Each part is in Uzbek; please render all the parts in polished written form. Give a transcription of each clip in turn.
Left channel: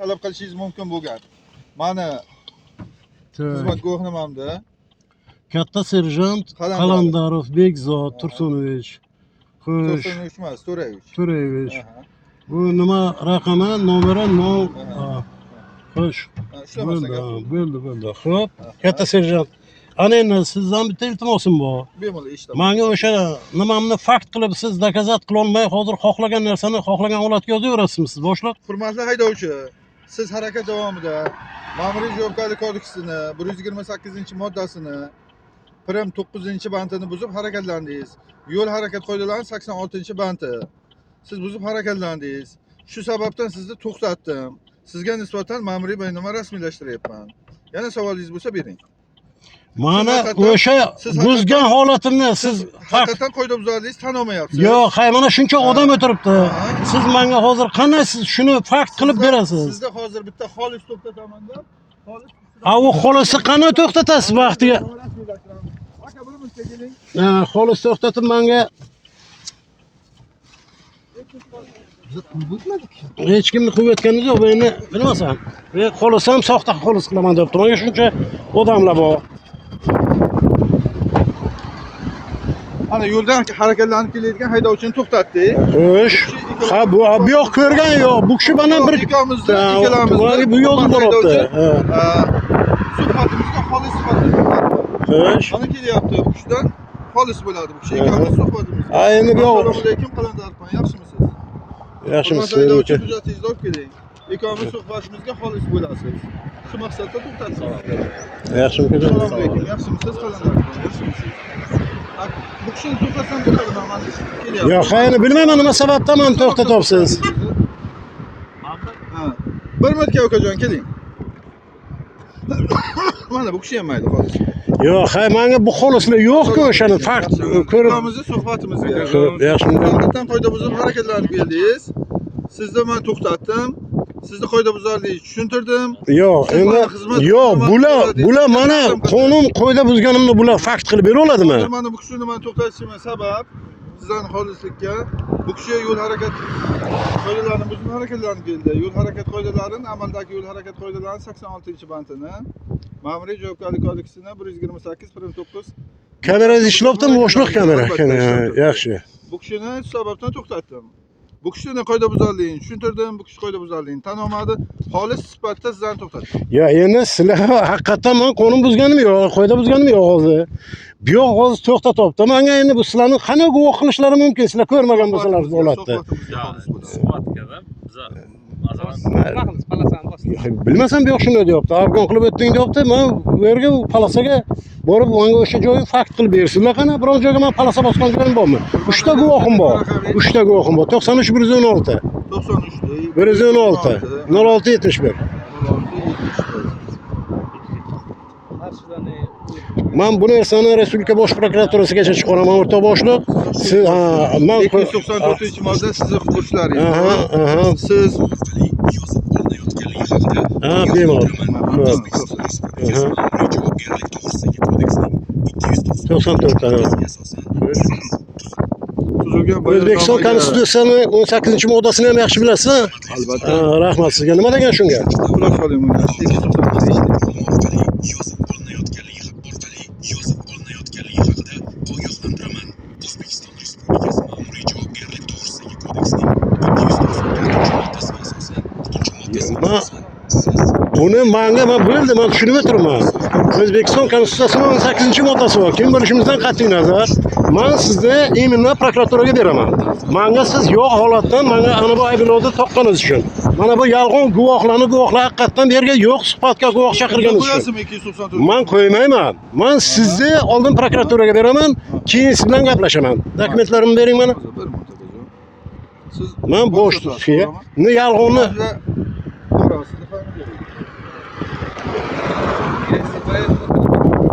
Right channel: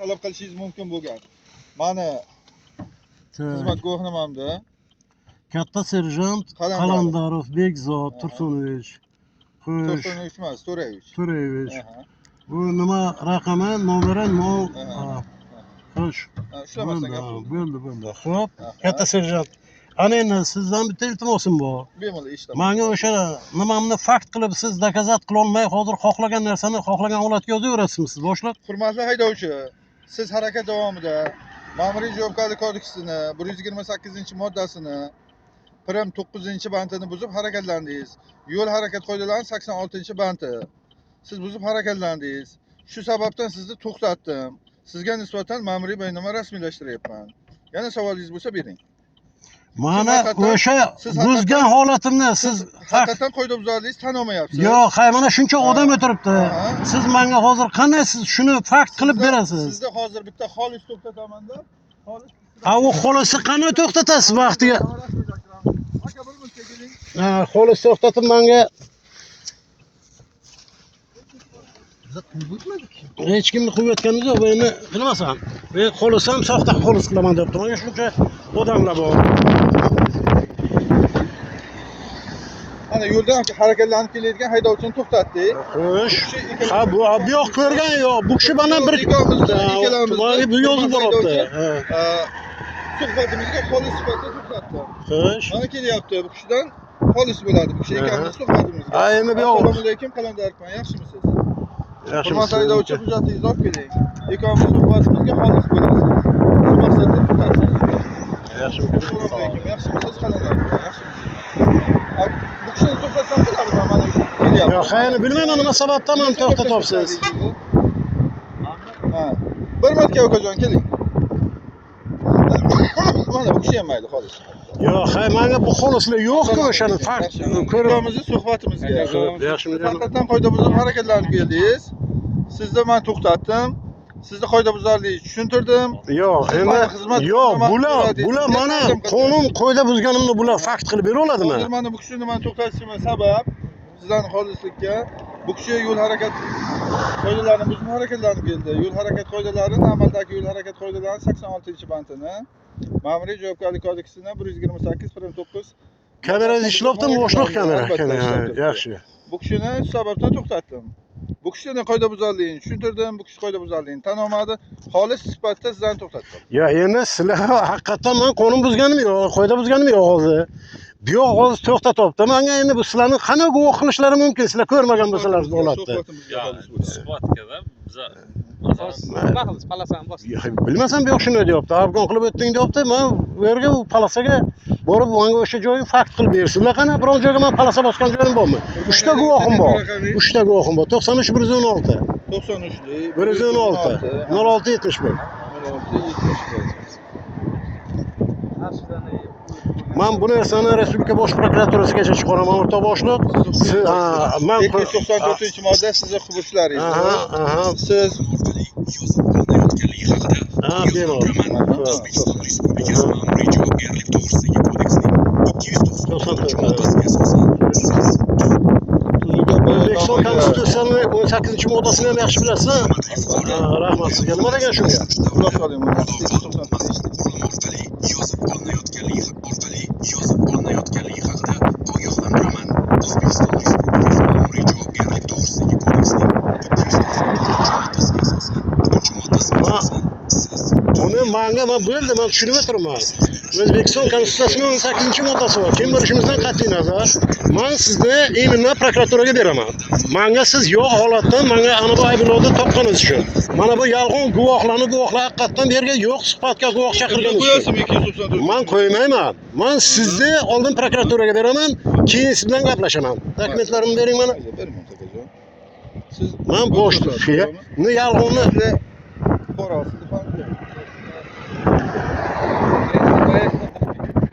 talab qilishingiz mumkin bo'lgan. Mana xizmat guvohnomamda Katta serjant Qalandarov Bekzod Tursunovich. Xo'sh, Tursunovich emas, To'rayevich. To'rayevich. Bu nima raqami, nomeri, xo'sh. Bo'ldi. Xo'p, katta serjant. Ana endi sizdan bitta iltimosim bor. Bemalol eshitaman. Menga o'sha nimamni fakt qilib siz dokazat qila olmay, hozir xohlagan narsani xohlagan holatga yozaverasizmi siz boshliq? Hurmatli haydovchi, siz harakat davomida Ma'muriy javobgarlik kodeksining 128-moddasini prim 9-bandini buzib harakatlandingiz. Yo'l harakat qoidalarining 86-bandi. Siz buzib harakatlandingiz. Shu sababdan sizni to'xtatdim. Sizga nisbatan ma'muriy bayonnoma rasmiylashtiryapman. Yana savolingiz bo'lsa bering. Mana o'sha buzgan holatimni siz haqiqatan qoidabuzarligingizni tan olmayapsiz. Yo'q, mana shuncha odam o'tiribdi. Siz menga hozir qanday siz shuni fakt qilib berasiz? Sizda hozir bitta xolis to'xtataman-da. Xolis. U xolisni qanday to'xtatasiz vaqtiga? Aka, bir minutga keling. Xolis to'xtatib menga hech kimni quvvatganimiz yo'q. Endi bilmasam. Men xolisam soxta xolis qilaman deb turman. Shuncha odamlar bor. Mana yo'ldan harakatlanib kelayotgan haydovchini to'xtatdik. Xo'sh. Ha, bu yo'q ko'rgan yo'q. Bu kishi bilan bir bu yozib boribdi. Suhbatimizga xolis sifatida to'xtatdik. Xo'sh. Mana kelyapti. Bu kishidan xolis bo'ladi. Bu kishi ikkalamiz suhbatimizga. Endi bu yo'q. Assalomu alaykum, Qalandarovman. Yaxshimisiz? Yaxshimisiz? Haydovchi hujjatingizni olib keling. Ikkalamiz suhbatimizga xolis bo'lasiz. Shu maqsadda to'xtatdik. Yaxshimisiz? Assalomu alaykum. Yaxshimisiz, Qalandarovman? Yaxshimisiz? Bu kishini to'xtatsam bo'lardi, mana kelyapti. Yo'q, endi bilmayman nima sababdan meni to'xtatyapsiz. Ha. Bir marta ukajon keling. Mana bu kishi ham mayli, xolis. Yo'q, menga bu xolislar yo'q-ku, o'shani fakt ko'ramizni suhbatimizga. Yaxshimi? Haqiqatan qoidabuzar harakatlanib keldingiz. Sizni men to'xtatdim. Sizni qoidabuzarlikni tushuntirdim. Yo'q, endi yo'q, bular mana qonun qoida buzganimni bular fakt qilib bera oladimi? Mana bu kishini men to'xtatishim sabab sizlarning xolislikka bu kishi yo'l harakat qoidalarini buzib harakatlanib keldi. Yo'l harakat qoidalarining amaldagi yo'l harakat qoidalarining 86-bandini Ma'muriy javobgarlik kodeksining 128-9 Kamera ishlayaptimi? Boshliq kamera. Yaxshi. Bu kishini shu sababdan to'xtatdim. Bu kishini qoidabuzarligini tushuntirdim. Bu kishi qoidabuzarligini tan olmadi. Xolis sifatida sizlarni to'xtatdim. Ya endi sizlar haqiqatan men qonun buzganim yo'q, qoida buzganim yo'q hozir. Bu yo'q hozir to'xtatyapti. Menga endi bu sizlarni qanday guvoh qilishlari mumkin? Sizlar ko'rmagan bo'lsalar bu holatda. Suhbatga biza nima qilamiz, palasani bosdik. Bilmasam bu yoq shunday deyapti. Afg'on qilib o'tding deyapti. Men bu yerga bu palasaga borib menga o'sha joyni fakt qilib bersizlar. Qana biror joyga men palasa bosgan joyim bormi? 3 ta guvohim bor. 3 ta guvohim bor. 93 116. 93 116 06 71. Men bu narsani Respublika bosh prokuraturasigacha chiqaraman, o'rta boshliq. Siz men 294-modda sizni burchlaringiz. Siz bemalol. 94. O'zbekiston Konstitutsiyasining 18-moddasini ham yaxshi bilasizlar. Rahmat sizga. Nima degan shunga? Xulosa qiling buni. Yozib olinayotganligi haqida ogohlantiraman. O'zbekiston Respublikasi Ma'muriy javobgarlik to'g'risidagi kodeksining 294-moddasiga asosan 3-moddasiga asosan siz buni menga bo'ldi, men tushunib o'tirman. O'zbekiston Konstitutsiyasining 18-moddasi bor. Kim bilishimizdan qat'iy nazar, men sizni elimdan prokuraturaga beraman. Menga siz yo'q holatdan menga ana bu ayblovni topganingiz uchun. Mana bu yolg'on guvohlar haqiqatan bu yerga yo'q suhbatga guvoh chaqirganingiz uchun. Men qo'ymayman. Men sizni oldin prokuraturaga beraman, keyin siz bilan gaplashaman. Dokumentlarimni bering mana. Siz men boshliq. Ni yolg'onni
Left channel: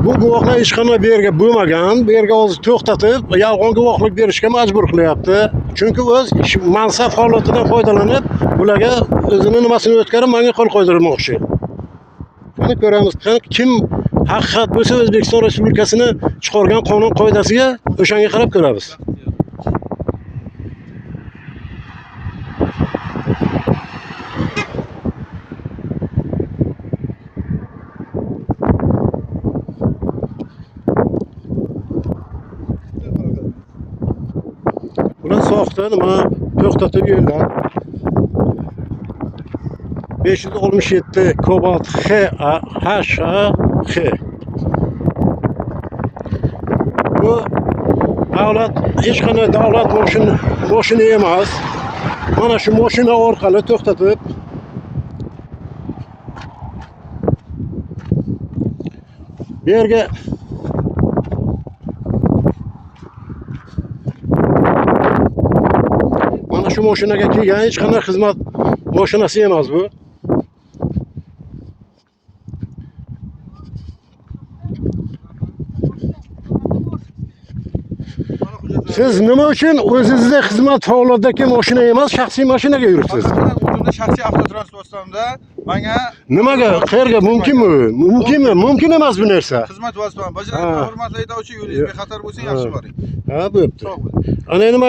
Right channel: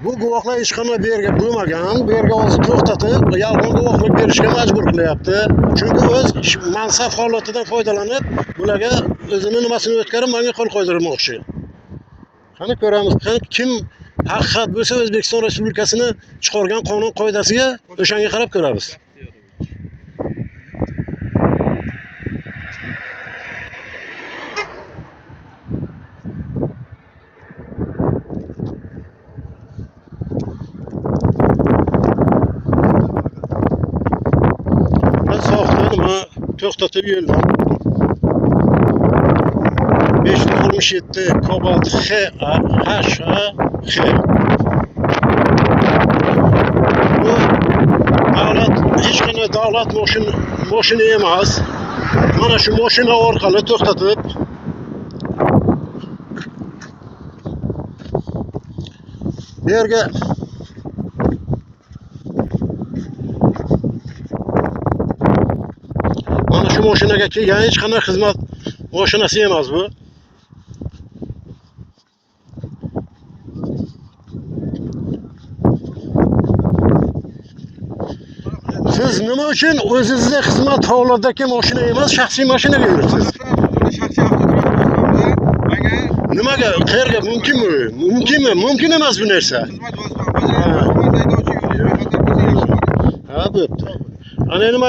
bu guvohlar hech qanday bu yerga bo'lmagan, bu yerga hozir to'xtatib, yolg'on guvohlik berishga majbur qilyapti. Chunki o'z mansab holatidan foydalanib, bularga o'zini nimasini o'tkazib, menga qo'l qo'ydirmoqchi. Qani ko'ramiz, kim haqiqat bo'lsa O'zbekiston Respublikasini chiqargan qonun qoidasiga o'shanga qarab ko'ramiz. Bizden nima to'xtatib yo'ldan 567 Cobalt HH. Bu davlat hech qanday davlat moshina emas. Mana shu moshina orqali to'xtatib bu yerga mana shu moshinaga kelgan hech qanday xizmat mashinasi emas bu. Siz nima uchun o'zingizda xizmat holatdagi mashina emas, shaxsiy mashinaga yuribsiz? Bunda shaxsiy avtotransportda menga Nimaga? Qayerga mumkinmi? Mumkinmi? Mumkin emas bu narsa. xizmat vositasi bajarib, haydovchi yo'l xatar bo'lsa yaxshi bo'lardi. Ha, bo'pti. Ana nima